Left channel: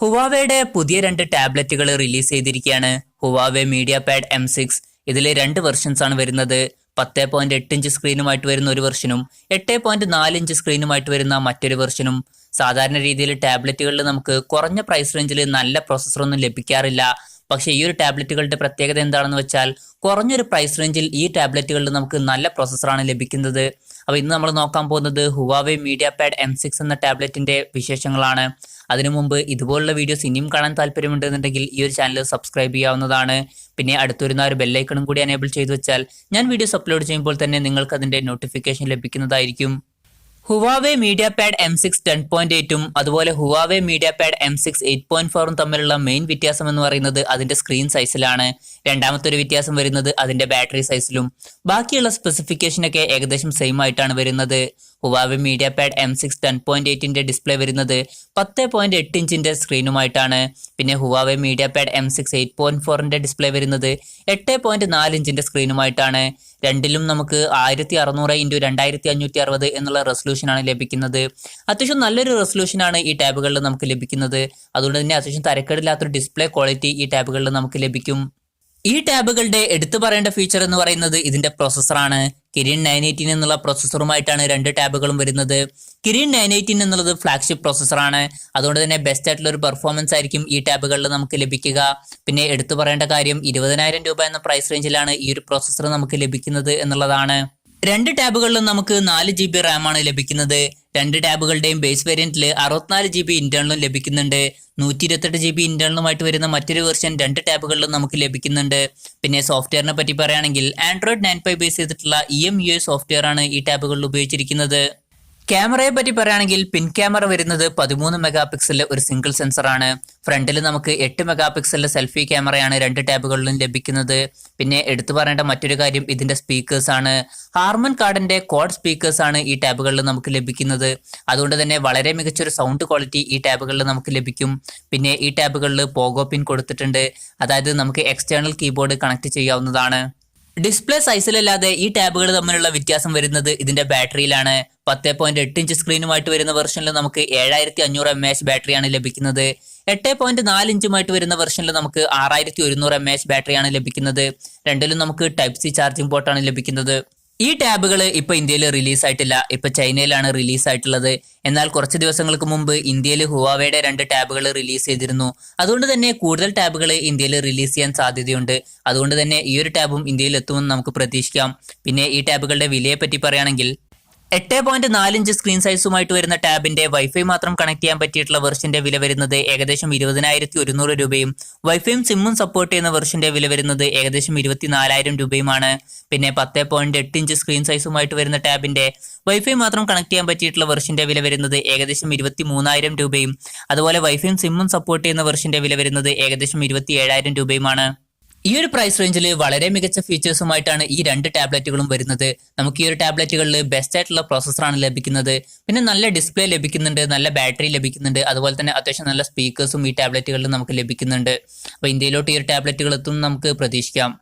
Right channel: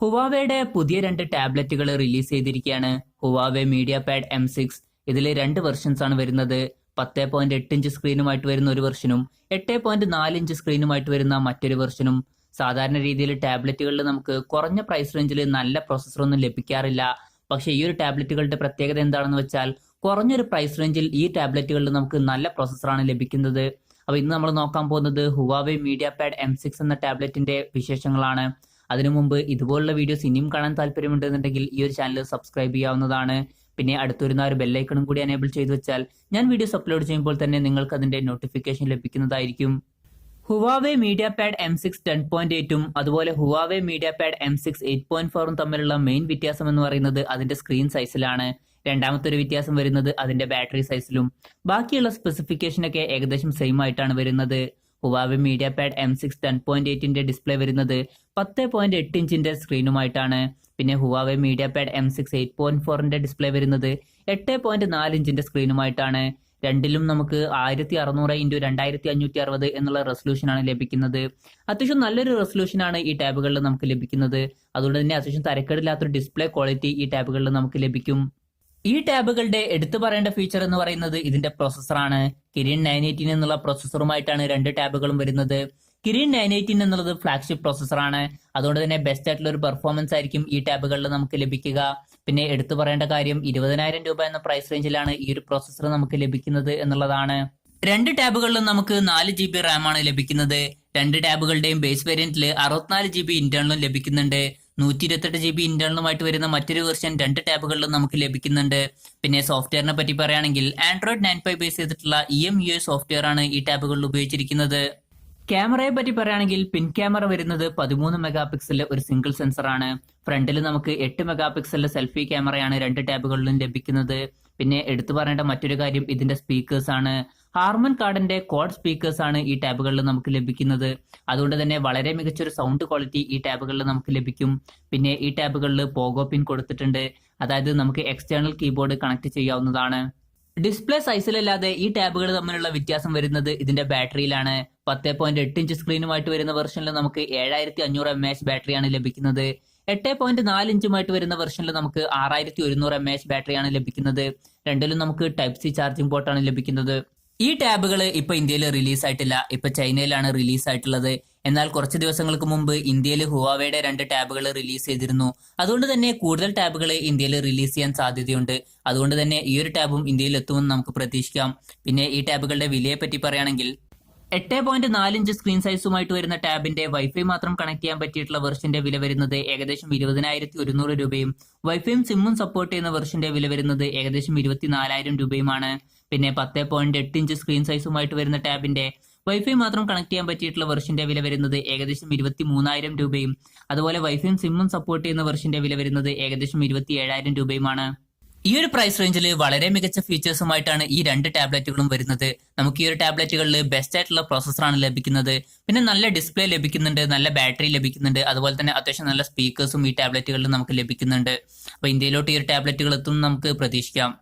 ഹുവാവയുടെ പുതിയ 2 ടാബ്ലറ്റുകൾ റിലീസ് ചെയ്തിരിക്കുകയാണ്. Huawei മീഡിയപാഡ് M6. ഇതിൽ 2 വെർഷൻസ് ആണ് വരുന്നത്. 10.8 ഇഞ്ച് സ്ക്രീനുമായിട്ട് വരുന്ന ഒരു വെർഷനും 8.4 ഇഞ്ച് സ്ക്രീനുമായിട്ട് വരുന്ന മറ്റൊരു വെർഷനും. സാധാരണ രീതിയിൽ ടാബ്ലറ്റുകളിൽ നമുക്ക് കുറഞ്ഞ പ്രൈസ് റേഞ്ചിൽ നല്ല പ്രോസസ്സറൊന്നും ലഭിക്കാറില്ല. പക്ഷേ ഈ ഒരു ടാബ്ലറ്റുകളുടെ പ്രത്യേകത എന്താണെന്ന് വെച്ചാൽ കുറഞ്ഞൊരു പ്രൈസ് റേഞ്ചിൽ ഈ ടാബ്ലറ്റുകളിൽ നമുക്ക് നല്ല പ്രോസസ്സറാണ് ലഭിക്കുന്നത്. അപ്പോൾ ഇന്ന് നമ്മൾ നോക്കാൻ പോകുന്നത് ഹുവാവെ മീഡിയപാഡ് M6 എന്ന ടാബ്ലറ്റിന്റെ വിശേഷങ്ങളാണ്. അതിനു മുമ്പ് ഇതുപോലുള്ള വീഡിയോസ് ഇനിയും കാണാൻ താല്പര്യമുണ്ടെന്നുണ്ടെങ്കിൽ ഈ ഒരു ചാനൽ സബ്സ്ക്രൈബ് ചെയ്യാവുന്നതാണ്. പിന്നെ അടുത്തൊരുന്ന ഒരു ബെല്ലൈക്കണും കൂടി എനേബിൾ ചെയ്തു വെച്ചാൽ ഞാൻ വീഡിയോസ് അപ്ലോഡ് ചെയ്യുമ്പോൾ തന്നെ നിങ്ങൾക്ക് അതിന്റെ നോട്ടിഫിക്കേഷൻ ലഭിക്കുന്നതായിരിക്കും. ഹുവാവെ മീഡിയപാഡ് M6 10.8ഉം അതുപോലെ ഹുവാവെ മീഡിയപാഡ് M6 8.4ഉം തമ്മിലുള്ള മെയിൻ വ്യത്യാസം എന്ന് പറയുന്നത് അതിന്റെ സ്ക്രീൻ സൈസിലാണ്. രണ്ടാമത്തെ ഒരു വ്യത്യാസം വരുന്നത് അതിന്റെ ബാറ്ററി സൈസിലും. ബാക്കിയുള്ള സ്പെസിഫിക്കേഷനൊക്കെ ഏകദേശം സെയിം ആയിട്ടാണ് വരുന്നത്. ഹുവാവെ മീഡിയപാഡ് M6 10.8ന്റെ ഡിസ്പ്ലേ വരുന്നത് 10.8 ഇഞ്ചിന്റെ സ്ക്രീനുമായിട്ടാണ്. പിന്നെ ഹുവാവെ മീഡിയപാഡ് M6 8.4ന്റെ ഡിസ്പ്ലേ വരുന്നത് 8.4 ഇഞ്ചിന്റെ സ്ക്രീനുമായിട്ടാണ്. രണ്ടിലും നമുക്ക് 1600x2560 എന്നുള്ള റെസൊല്യൂഷനാണ് ലഭിക്കുന്നത്. അത്യാവശ്യം നല്ലൊരു റെസൊല്യൂഷനാണ് ഈ ടാബുകളിൽ നമുക്ക് ലഭിക്കുന്നത്. അതുകൊണ്ട് തന്നെ അത്യാവശ്യം തരക്കേടില്ലാത്തൊരു ഡിസ്പ്ലേ ക്വാളിറ്റി ഈ ടാബുകളിൽ നമുക്ക് ലഭിക്കും. ഈ ടാബുകളുടെ എടുത്തു പറയേണ്ട ഫീച്ചർ എന്ന് പറയുന്നത് ഇതിന്റെ പ്രോസസ്സറാണ്. കിരിൻ 918 എന്നുള്ള പ്രോസസ്സറുമായിട്ടാണ് 2 ടാബുകളും വരുന്നത്. കിരിൻ 918 എന്നുള്ളത് ഫ്ലാഗ്ഷിപ്പ് പ്രോസസ്സറാണ്. അതുകൊണ്ട് തന്നെ ബെസ്റ്റ് ആയിട്ടുള്ള ഒരു പെർഫോമൻസ് ആയിരിക്കും ഈ ടാബുകളിൽ നമുക്ക് ലഭിക്കുക. പിന്നെ എടുത്തു പറയേണ്ട കാര്യം 20,000 രൂപ എന്ന പ്രൈസ് റേഞ്ചിലാണ് ഈ ഒരു പ്രോസസ്സർ നമുക്ക് ലഭിക്കുന്നത് എന്നുള്ളതാണ്. 2 ടാബുകളിലും നമുക്ക് 4 GB റാം ആണ് ലഭിക്കുന്നത്. 2 ടാബുകളുടെയും ബേസ് വേരിയന്റിൽ 64 GB ഇന്റേണലും ലഭിക്കുന്നുണ്ട്. 128 GB ഇന്റേണലുമായിട്ട് വരുന്ന മറ്റൊരു വെർഷൻ 2 ടാബുകളിലും നമുക്ക് ലഭിക്കുന്നുണ്ട്. പിന്നെ സോഫ്റ്റ്വെയറിനെ പറ്റി പറയുകയാണെങ്കിൽ ആൻഡ്രോയിഡ് 9 ബേസ് ചെയ്തിട്ടുള്ള EMUI സോഫ്റ്റ്വെയർ ആണ് ഈ ടാബുകളിൽ ഉപയോഗിച്ചിരിക്കുന്നത്. ക്യാമറയെ പറ്റി പറയുകയാണെങ്കിൽ പിൻ ക്യാമറ വരുന്നത് 13 മെഗാ പിക്സലിലെ ഒരു സിംഗിൾ സെൻസറാണ്. ഫ്രണ്ടിൽ നമുക്ക് 8 മെഗാ പിക്സലിലെ സെൽഫി ക്യാമറയാണ് 2 ടാബുകളിലും ലഭിക്കുന്നത്. പിന്നെ എടുത്തു പറയേണ്ട മറ്റൊരു കാര്യം ഇതിന്റെ സ്പീക്കേഴ്സ് ആണ്. ഹാർമൻ കാർഡിന്റെ ക്വാഡ് സ്പീക്കേഴ്സ് ആണ് ഈ ടാബുകളിൽ നമുക്ക് ലഭിക്കുന്നത്. അതുകൊണ്ട് തന്നെ വളരെ മികച്ചൊരു സൗണ്ട് ക്വാളിറ്റി ഈ ടാബുകളിൽ നമുക്ക് ലഭിക്കും. പിന്നെ ഈ ടാബുകളിൽ പോഗോ പിൻ കൊടുത്തിട്ടുണ്ട്. അതായത് നമുക്ക് എക്സ്റ്റേണൽ കീബോർഡ് കണക്ട് ചെയ്യാവുന്നതാണ്. ഡിസ്പ്ലേ സൈസിലല്ലാതെ ഈ ടാബുകൾ തമ്മിലുള്ള വ്യത്യാസം വരുന്നത് ഇതിന്റെ ബാറ്ററിയിലാണ്. 10.8 ഇഞ്ച് സ്ക്രീനുമായിട്ട് വരുന്ന വെർഷനിൽ നമുക്ക് 7500 mAh ബാറ്ററിയാണ് ലഭിക്കുന്നത്. 8.4 ഇഞ്ചുമായിട്ട് വരുന്ന വെർഷനിൽ നമുക്ക് 6100 mAh ബാറ്ററിയാണ് ലഭിക്കുന്നത്. രണ്ടിലും നമുക്ക് ടൈപ്പ് സി ചാർജിംഗ് പോർട്ടാണ് ലഭിക്കുന്നത്. ഈ ടാബുകൾ ഇപ്പൊ ഇന്ത്യയിൽ റിലീസ് ആയിട്ടില്ല. ഇപ്പൊ ചൈനയിലാണ് റിലീസ് ആയിട്ടുള്ളത്. എന്നാൽ കുറച്ച് ദിവസങ്ങൾക്ക് മുമ്പ് ഇന്ത്യയിൽ ഹുവാവയുടെ 2 ടാബുകൾ റിലീസ് ചെയ്തിരുന്നു. അതുകൊണ്ട് തന്നെ കൂടുതൽ ടാബുകൾ ഇന്ത്യയിൽ റിലീസ് ചെയ്യാൻ സാധ്യതയുണ്ട്. അതുകൊണ്ട് തന്നെ ഈ ഒരു ടാബും ഇന്ത്യയിൽ എത്തുമെന്ന് നമുക്ക് പ്രതീക്ഷിക്കാം. പിന്നെ ഈ ടാബുകളുടെ വിലയെ പറ്റി പറയുകയാണെങ്കിൽ 8.4 ഇഞ്ച് സ്ക്രീൻ സൈസുമായിട്ട് വരുന്ന ടാബിന്റെ വൈഫൈ മാത്രം കണക്ട് ചെയ്യാൻ പറ്റിയിട്ടുള്ള വെർഷന്റെ വില വരുന്നത് ഏകദേശം 20,100 രൂപയും വൈഫൈയും സിമ്മും സപ്പോർട്ട് ചെയ്യുന്ന വെർഷന്റെ വില വരുന്നത് ഏകദേശം 24,000 രൂപയുമാണ്. പിന്നെ 10.8 ഇഞ്ച് സ്ക്രീൻ സൈസുമായിട്ട് വരുന്ന ടാബിന്റെ വൈഫൈ മാത്രം കണക്ട് ചെയ്യാൻ പറ്റിയിട്ടുള്ള വെർഷന്റെ വില വരുന്നത് ഏകദേശം 23,000 രൂപയും അതുപോലെ വൈഫൈയും സിമ്മും സപ്പോർട്ട് ചെയ്യുന്ന വെർഷന്റെ വില വരുന്നത് ഏകദേശം 27,000 രൂപയുമാണ്. ഈ ഒരു പ്രൈസ് റേഞ്ചിൽ വളരെ മികച്ച ഫീച്ചേഴ്സുമായിട്ടാണ് ഈ 2 ടാബ്ലറ്റുകളും വരുന്നത്. നമുക്ക് ഈ ഒരു ടാബ്ലറ്റുകളിൽ ബെസ്റ്റ് ആയിട്ടുള്ള പ്രോസസ്സറാണ് ലഭിക്കുന്നത്. പിന്നെ നല്ല ഡിസ്പ്ലേ ലഭിക്കുന്നുണ്ട്, നല്ല ബാറ്ററി ലഭിക്കുന്നുണ്ട്, അതുപോലെ തന്നെ അത്യാവശ്യം നല്ല സ്പീക്കേഴ്സും ഈ ടാബ്ലറ്റുകളിൽ നമുക്ക് ലഭിക്കുന്നുണ്ട്. അപ്പോൾ ഇന്ത്യയിലോട്ട് ഈ ഒരു ടാബ്ലറ്റുകൾ എത്തും നമുക്ക് പ്രതീക്ഷിക്കാം.